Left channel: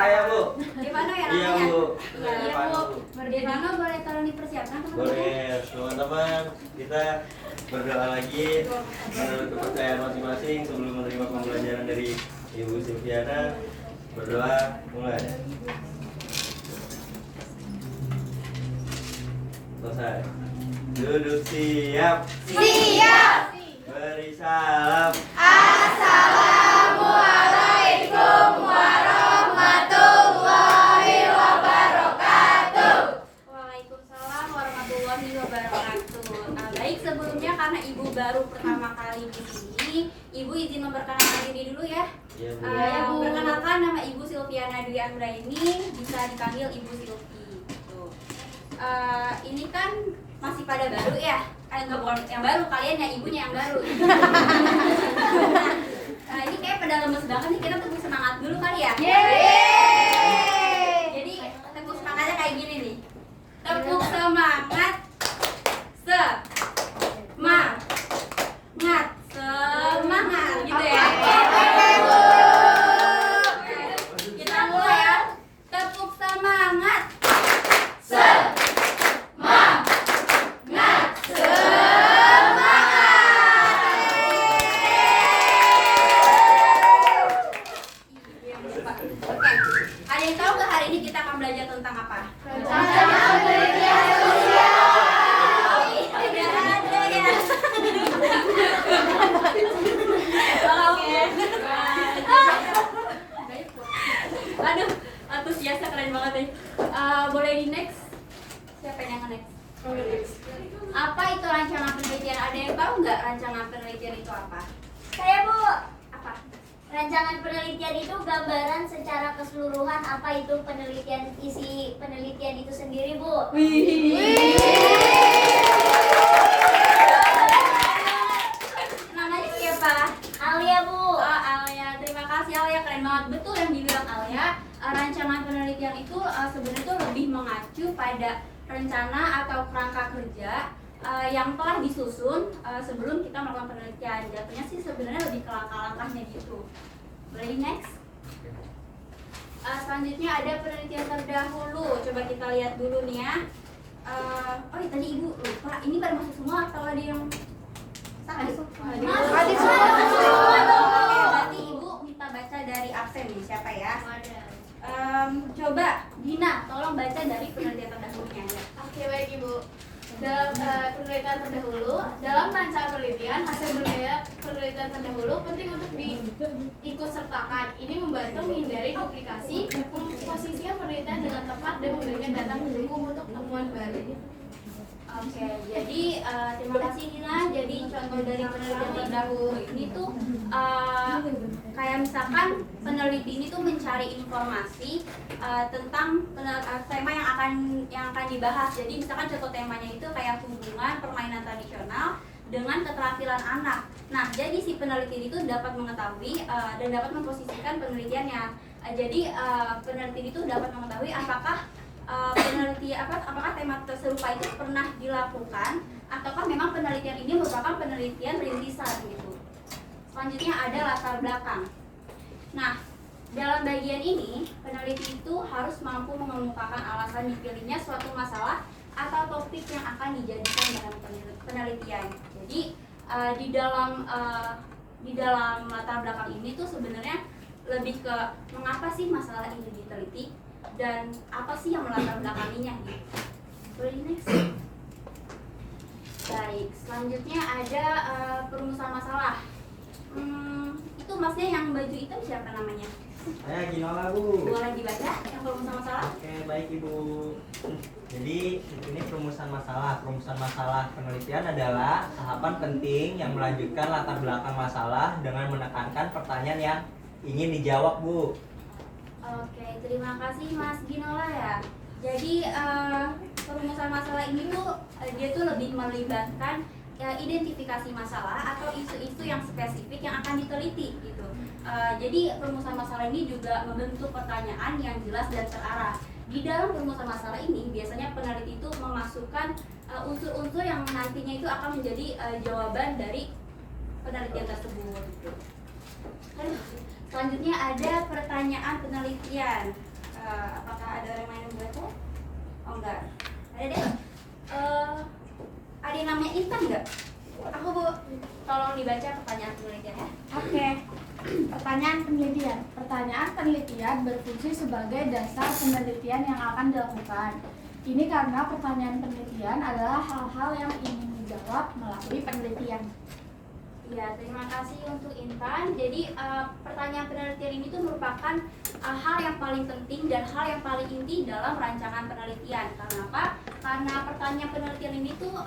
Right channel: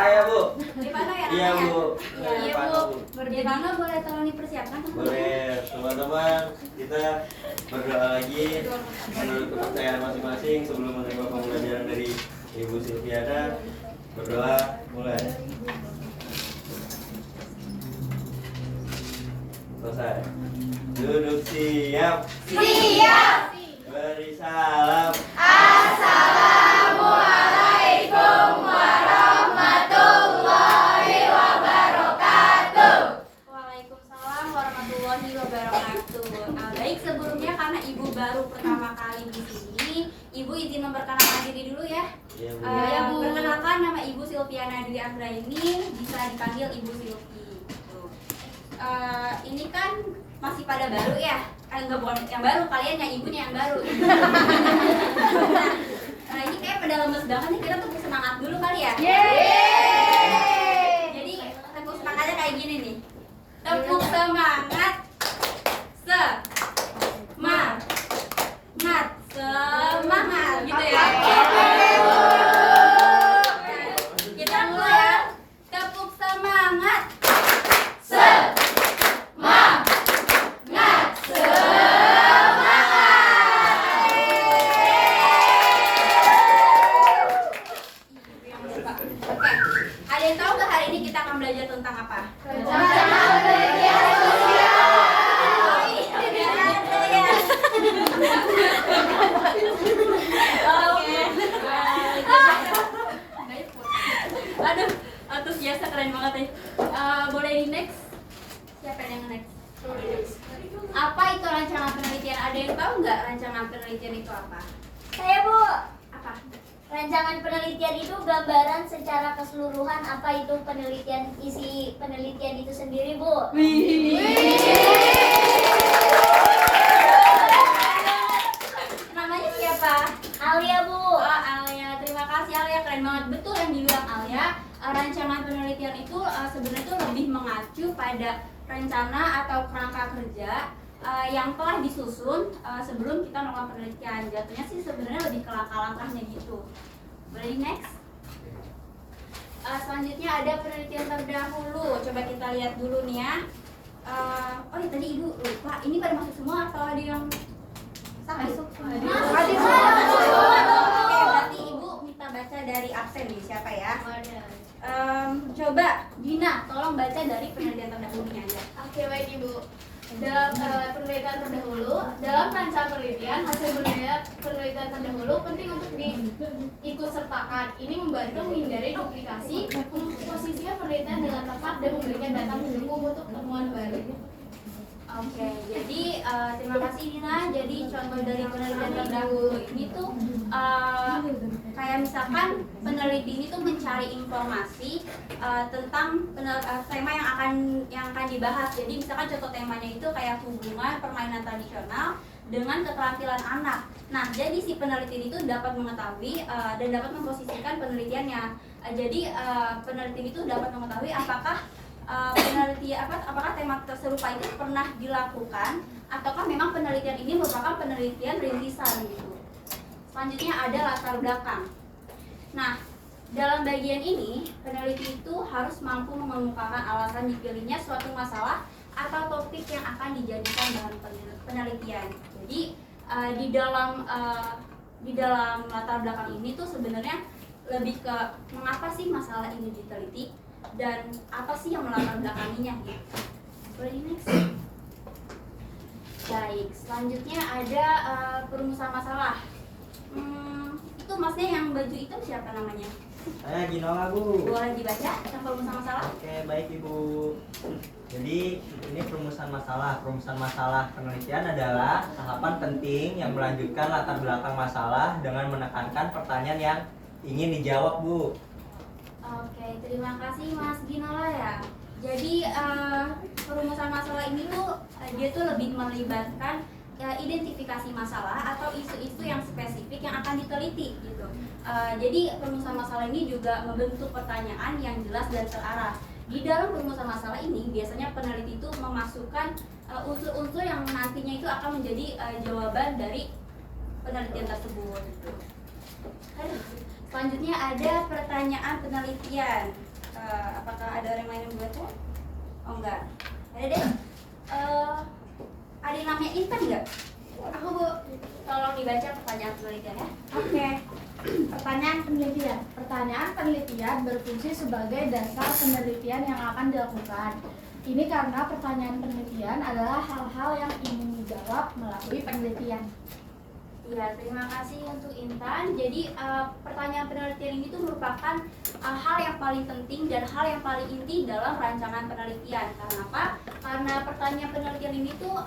Saya Bu. Gimana ya Iya namanya? Bu. Iya Bu. Gimana boleh tolong dipersiapkan teman-teman? Boleh teman-teman, kita berdoa lagi menurut kepercayaan masing-masing sebelum menerima pembelajaran dari Ibu Silviana. Berdoa mulai. Selesai. Duduk siap. Siap. Beri salam. Assalamualaikum warahmatullahi wabarakatuh. Waalaikumsalam warahmatullahi wabarakatuh. Baik, sebelumnya karena Ibu baru pertama kali di sini, Ibu izin memperkenalkan diri dulu ya. Iya Bu. Perkenalkan, nama Ibu Silviana Dwi Anggraini, bisa dipanggil Ibu Silvi. Gitu. Ini kan masih pada baru ya? Enggak, bukan yang baru, kalian yang ibunya yang baru. Nah, ini kayak pada lemes banget nih, kita tepuk semangat dulu kali ya. Jadi tepuk semangatnya kayak gini nih. Tepuk semangat. Semangat gitu ya. Kita mulai ya. Tepuk semangat. Oke. Ada yang tahu nggak hari ini kita akan belajar tentang apa? Aduh, antusiasnya keren banget nih. Boleh di next? Siapa yang next? Apa itu rancangan penelitian? Ada yang tahu nggak rancangan penelitian itu apa? Saya Bu, Apa? rancangan penelitian itu gambaran secara keseluruhan apa itu penelitian, isi penelitian itu sendiri Bu. Namanya siapa? Alia Bu. Oh, Alia, terima kasih Alia, keren banget. Betul yang dibilang Alia. Rancangan penelitian itu sebenarnya itu lebih mengacu pada rencana atau kerangka kerja yang telah disusun sebelum kita melakukan penelitian. Jatuhnya sih sebenarnya lebih ke langkah-langkahnya gitu. Boleh next? Selanjutnya ada penelitian terdahulu. Coba kita lihat dulu nih ya. Oh ya, tadi Ibu lupa. Ini pada masuk semua atau ada yang masuk? Masuk semua. Oke, berarti Ibu minta baca dari absen nih. Siapa ya? Coba Dina, tolong baca dari penelitian terdahulunya aja. Oke, baik Ibu. Dalam penelitian terdahulu, dalam rancangan penelitian, hasil penelitian terdahulu penting untuk diikutsertakan. Ini membantu menghindari duplikasi, memposisikan penelitian dengan tepat dan memberikan data mendukung untuk temuan baru. Oke, jadi terima kasih Dina. Jadi contoh dari penelitian terdahulu ini tuh kayak misalkan peneliti ini tuh mencari informasi tentang tema yang akan dibahas. Jadi misalkan contoh temanya itu kayak hubungan permainan tradisional dengan keterampilan anak. Nah, jadi si peneliti itu dapat mengetahui dan dapat memposisikan penelitiannya. Jadi peneliti itu dapat mengetahui apakah apakah tema serupa itu pernah dilakukan ataukah memang penelitian ini merupakan penelitian rintisan gitu. Selanjutnya ada latar belakang. Nah, dalam bagian ini peneliti itu harus mampu mengemukakan alasan dipilihnya suatu masalah atau topik yang akan dijadikan bahan penelitian. Jadi di dalam latar belakang ini tuh sebenarnya lebih ke mengapa sih masalah ini diteliti dan apa sih yang melatar belakanginya gitu. Boleh next? Baik, selanjutnya ada perumusan masalah. Itu maksudnya yang baju hitam siapa namanya? Saya Ginola Bu. Boleh dibaca yang perumusan masalah? Oke, baik Ibu. Jadi ini perumusan masalah. Perumusan masalah penelitian adalah tahapan penting yang melanjutkan latar belakang masalah dengan menekankan pertanyaan yang ingin dijawab Bu. Oke, terima kasih Mas Ginola ya. Jadi perumusan masalah ini tuh dia tuh lebih melibatkan identifikasi masalah atau isu-isu yang spesifik yang akan diteliti gitu. Jadi perumusan masalah ini juga membentuk pertanyaan yang jelas dan terarah. Di dalam perumusan masalah ini biasanya peneliti itu memasukkan unsur-unsur yang nantinya itu akan menjadi jawaban dari penelitian tersebut gitu. Selanjutnya ada pertanyaan penelitian. Apakah ada orang yang main baca? Oh enggak. Ada deh. Ada yang namanya Intan nggak? Aku Bu, Tolong dibaca pertanyaan penelitian ya. oke. Pertanyaan penelitian. Pertanyaan penelitian berfungsi sebagai dasar penelitian yang akan dilakukan. Ini karena pertanyaan penelitian adalah hal-hal yang ingin dijawab melalui penelitian. Ya, terima kasih untuk Intan. Jadi pertanyaan penelitian ini tuh merupakan hal yang paling penting dan hal yang paling inti dalam rancangan penelitian. Karena apa? Karena pertanyaan penelitian ini tuh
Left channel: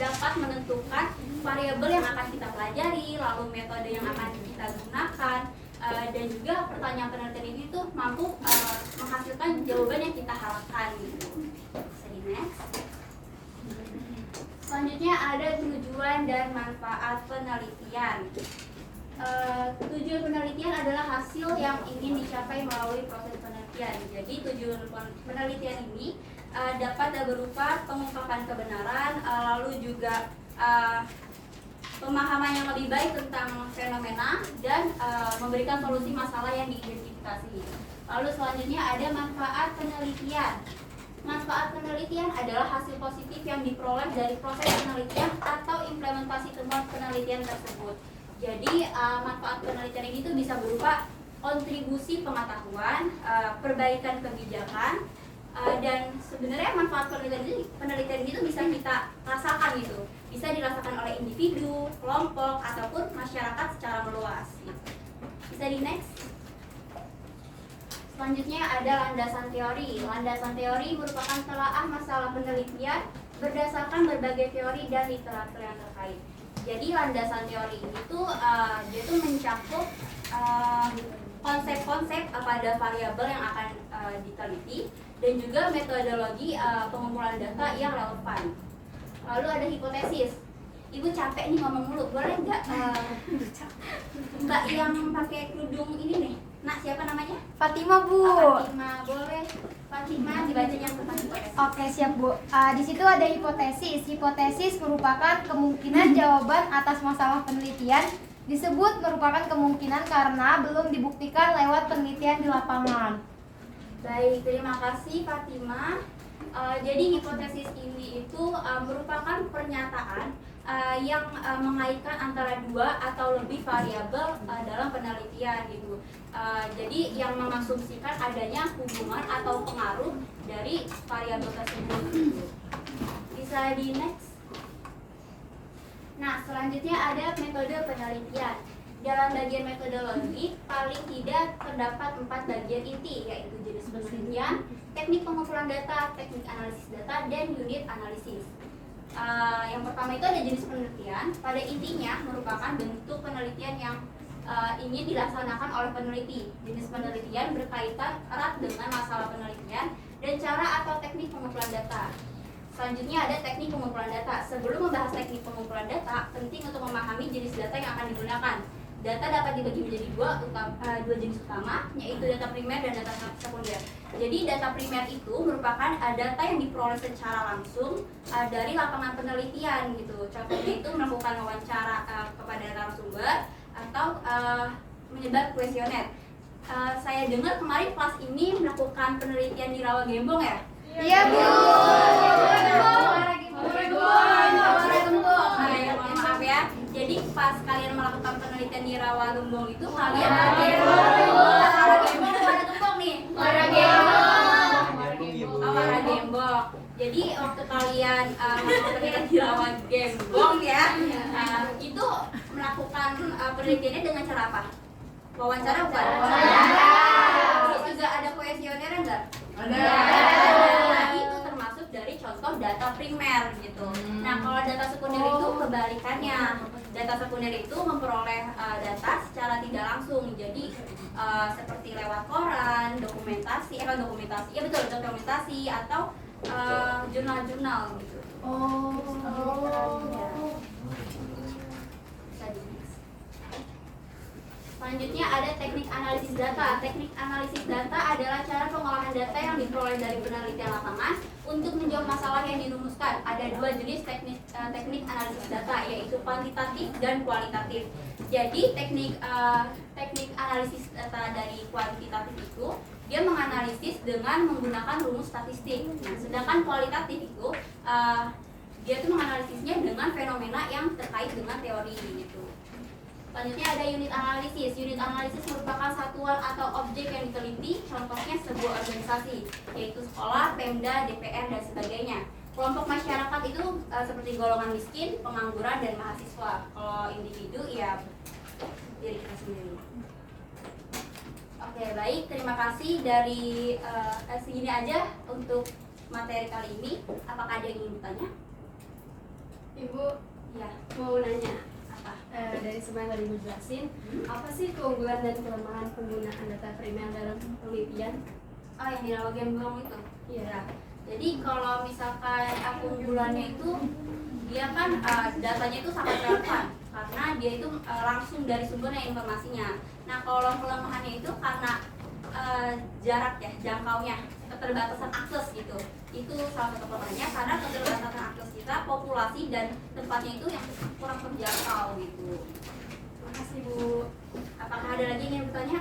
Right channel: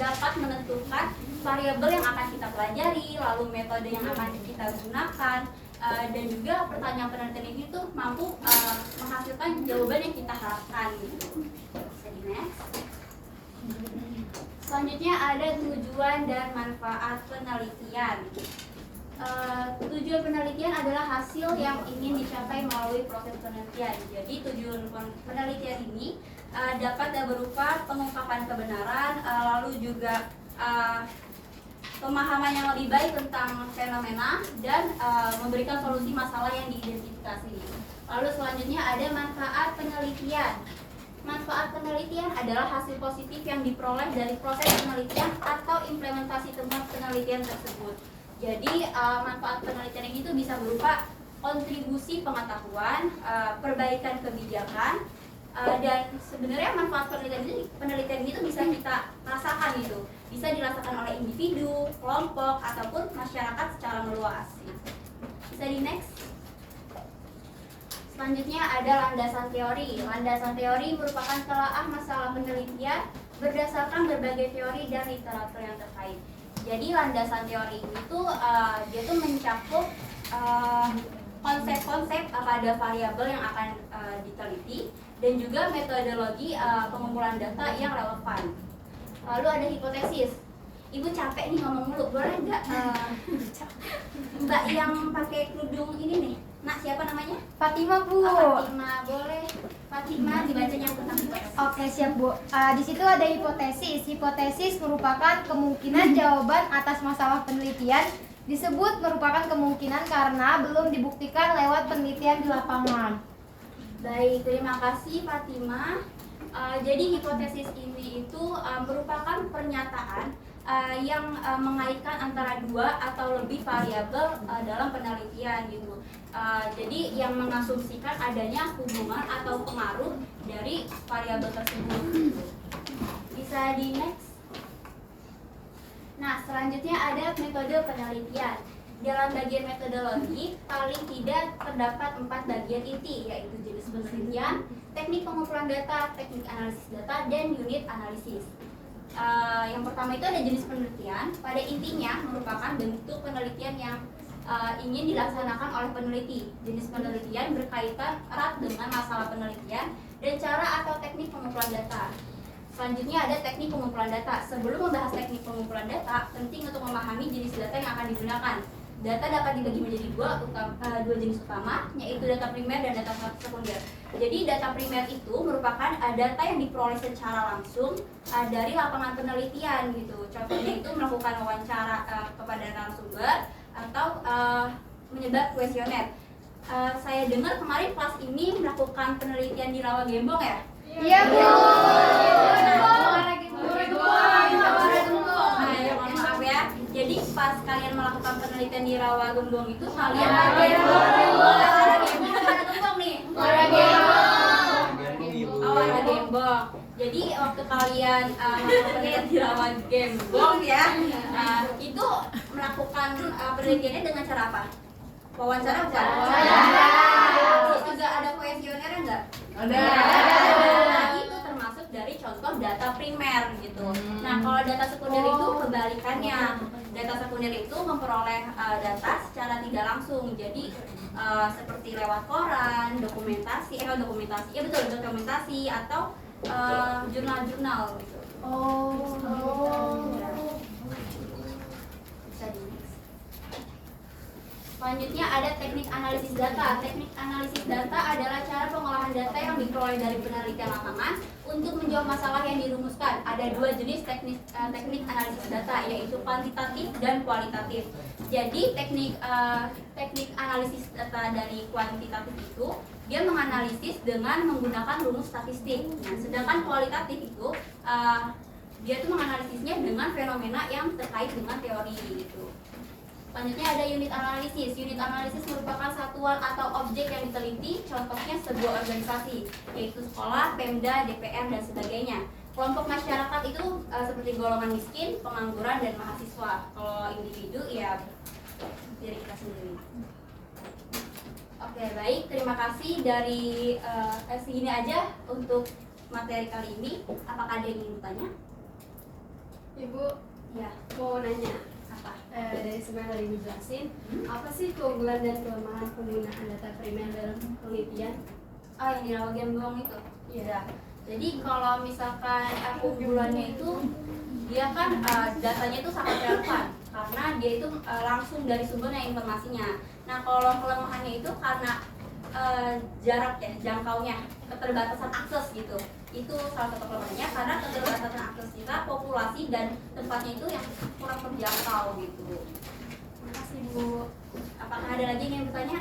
dapat menentukan variabel yang akan kita pelajari, lalu metode yang akan kita gunakan, dan juga pertanyaan penelitian ini tuh mampu menghasilkan jawaban yang kita harapkan gitu. Bisa di next. Selanjutnya ada tujuan dan manfaat penelitian. Tujuan penelitian adalah hasil yang ingin dicapai melalui proses penelitian. Jadi tujuan penelitian ini dapat berupa pengungkapan kebenaran, lalu juga pemahaman yang lebih baik tentang fenomena dan memberikan solusi masalah yang diidentifikasi. Lalu selanjutnya ada manfaat penelitian. Manfaat penelitian adalah hasil positif yang diperoleh dari proses penelitian atau implementasi temuan penelitian tersebut. Jadi manfaat penelitian ini tuh bisa berupa kontribusi pengetahuan, perbaikan kebijakan, dan sebenarnya manfaat penelitian itu bisa kita rasakan gitu. Bisa dirasakan oleh individu, kelompok, ataupun masyarakat secara meluas. Bisa di next. Selanjutnya ada landasan teori. Landasan teori merupakan telaah masalah penelitian berdasarkan berbagai teori dan literatur yang terkait. Jadi landasan teori itu dia tuh mencakup konsep-konsep pada variabel yang akan diteliti dan juga metodologi pengumpulan data yang relevan. Lalu ada hipotesis. Ibu capek nih ngomong mulu, boleh nggak Mbak yang pakai kerudung ini nih? Nak, siapa namanya? Fatima Bu. Fatima, boleh. Fatima dibacanya tentang hipotesis. Oke, siap Bu. Di situ ada hipotesis. Hipotesis merupakan kemungkinan jawaban atas masalah penelitian. Disebut merupakan kemungkinan karena belum dibuktikan lewat penelitian di lapangan. Baik, terima kasih Fatima. Jadi hipotesis ini itu merupakan pernyataan yang mengaitkan antara dua atau lebih variabel dalam penelitian gitu. Jadi yang mengasumsikan adanya hubungan atau pengaruh dari variabel tersebut. Bisa di next. Nah, selanjutnya ada metode penelitian. Dalam bagian metodologi, paling tidak terdapat 4 bagian inti, yaitu jenis penelitian, teknik pengumpulan data, teknik analisis data, dan unit analisis. Yang pertama itu ada jenis penelitian. Pada intinya merupakan bentuk penelitian yang ingin dilaksanakan oleh peneliti. Jenis penelitian berkaitan erat dengan masalah penelitian dan cara atau teknik pengumpulan data. Selanjutnya ada teknik pengumpulan data. Sebelum membahas teknik pengumpulan data, penting untuk memahami jenis data yang akan digunakan. Data dapat dibagi menjadi dua jenis utama, yaitu data primer dan data sekunder. Jadi data primer itu merupakan data yang diperoleh secara langsung dari lapangan penelitian gitu. Contohnya itu melakukan wawancara kepada narasumber atau menyebar kuesioner. Saya dengar kemarin kelas ini melakukan penelitian di Rawa Gembong ya? Iya Bu. Mohon maaf ya. Jadi pas kalian melakukan penelitian di Rawa Gembong itu kalian Rawa Gembong ada Gembong nih. Rawa Gembong. Jadi waktu kalian melakukan penelitian di Rawa Gembong ya, itu melakukan penelitiannya dengan cara apa? Wawancara bukan? Terus juga ada kuesioner enggak? Ada. Nah, itu termasuk dari contoh data primer gitu. Nah, kalau data sekunder itu kebalikannya. Data sekunder itu memperoleh data secara tidak langsung. Jadi seperti lewat koran, dokumentasi atau jurnal-jurnal gitu. Selanjutnya ada teknik analisis data. Teknik analisis data adalah cara pengolahan data yang diperoleh dari penelitian lapangan untuk menjawab masalah yang dirumuskan. Ada dua jenis teknik analisis data, yaitu kuantitatif dan kualitatif. Jadi teknik analisis data dari kuantitatif itu dia menganalisis dengan menggunakan rumus statistik. Nah, sedangkan kualitatif itu dia tuh menganalisisnya dengan fenomena yang terkait dengan teori gitu. Selanjutnya ada unit analisis. Unit analisis merupakan satuan atau objek yang diteliti, contohnya sebuah organisasi, yaitu sekolah, Pemda, DPR, dan sebagainya. Kelompok masyarakat itu seperti golongan miskin, pengangguran, dan mahasiswa. Kalau individu ya diri kita sendiri. Oke, baik. Terima kasih dari segini aja untuk materi kali ini. Apakah ada yang ingin bertanya? Ibu Ya, mau nanya, apa? dari semua yang tadi Ibu jelasin, apa sih keunggulan dan kelemahan penggunaan data primer dalam penelitian? Oh, yang di Logam Buang itu? Iya. Jadi kalau misalkan keunggulannya itu dia kan datanya itu sangat relevan karena dia itu langsung dari sumbernya informasinya. Nah, kalau kelemahannya itu karena jarak ya, jangkaunya, keterbatasan akses gitu. Itu salah satu kelemahannya karena keterbatasan akses kita, populasi dan tempatnya itu yang kurang terjangkau gitu. Terima kasih Bu. Apakah ada lagi yang bertanya?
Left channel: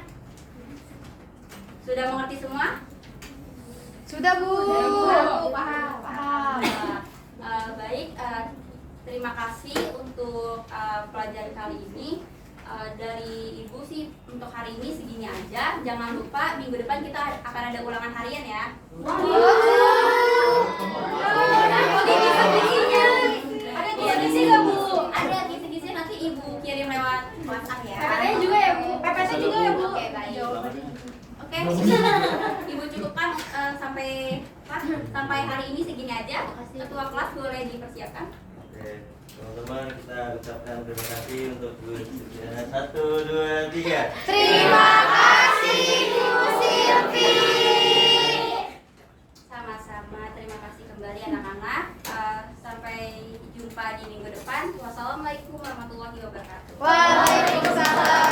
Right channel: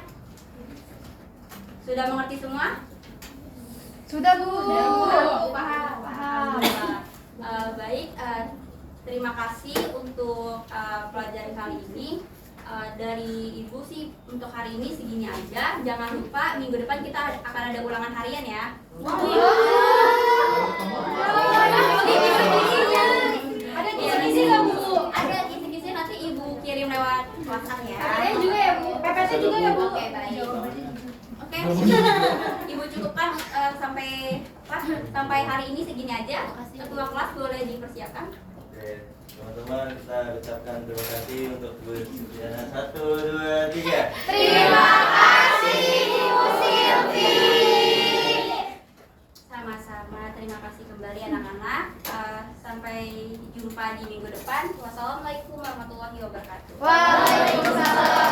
Sudah mengerti semua? Sudah Bu. Paham. Alhamdulillah. Baik, terima kasih untuk pelajaran kali ini. Dari Ibu sih untuk hari ini segini aja. Jangan lupa minggu depan kita akan ada ulangan harian ya. Ada kisi-kisi nggak Bu? Ada kisi-kisi nanti Ibu kirim lewat WhatsApp ya. PPT juga ya Bu. PPT juga ya Bu. Oke, baik. Oke, Ibu cukupkan sampai hari ini segini aja. Ketua kelas boleh dipersiapkan. Oke, teman-teman kita ucapkan terima kasih untuk kegiatan 1, 2, 3. Terima kasih Ibu Silvi. Sama-sama, terima kasih kembali anak-anak. Sampai jumpa di minggu depan. Wassalamualaikum warahmatullahi wabarakatuh. Waalaikumsalam.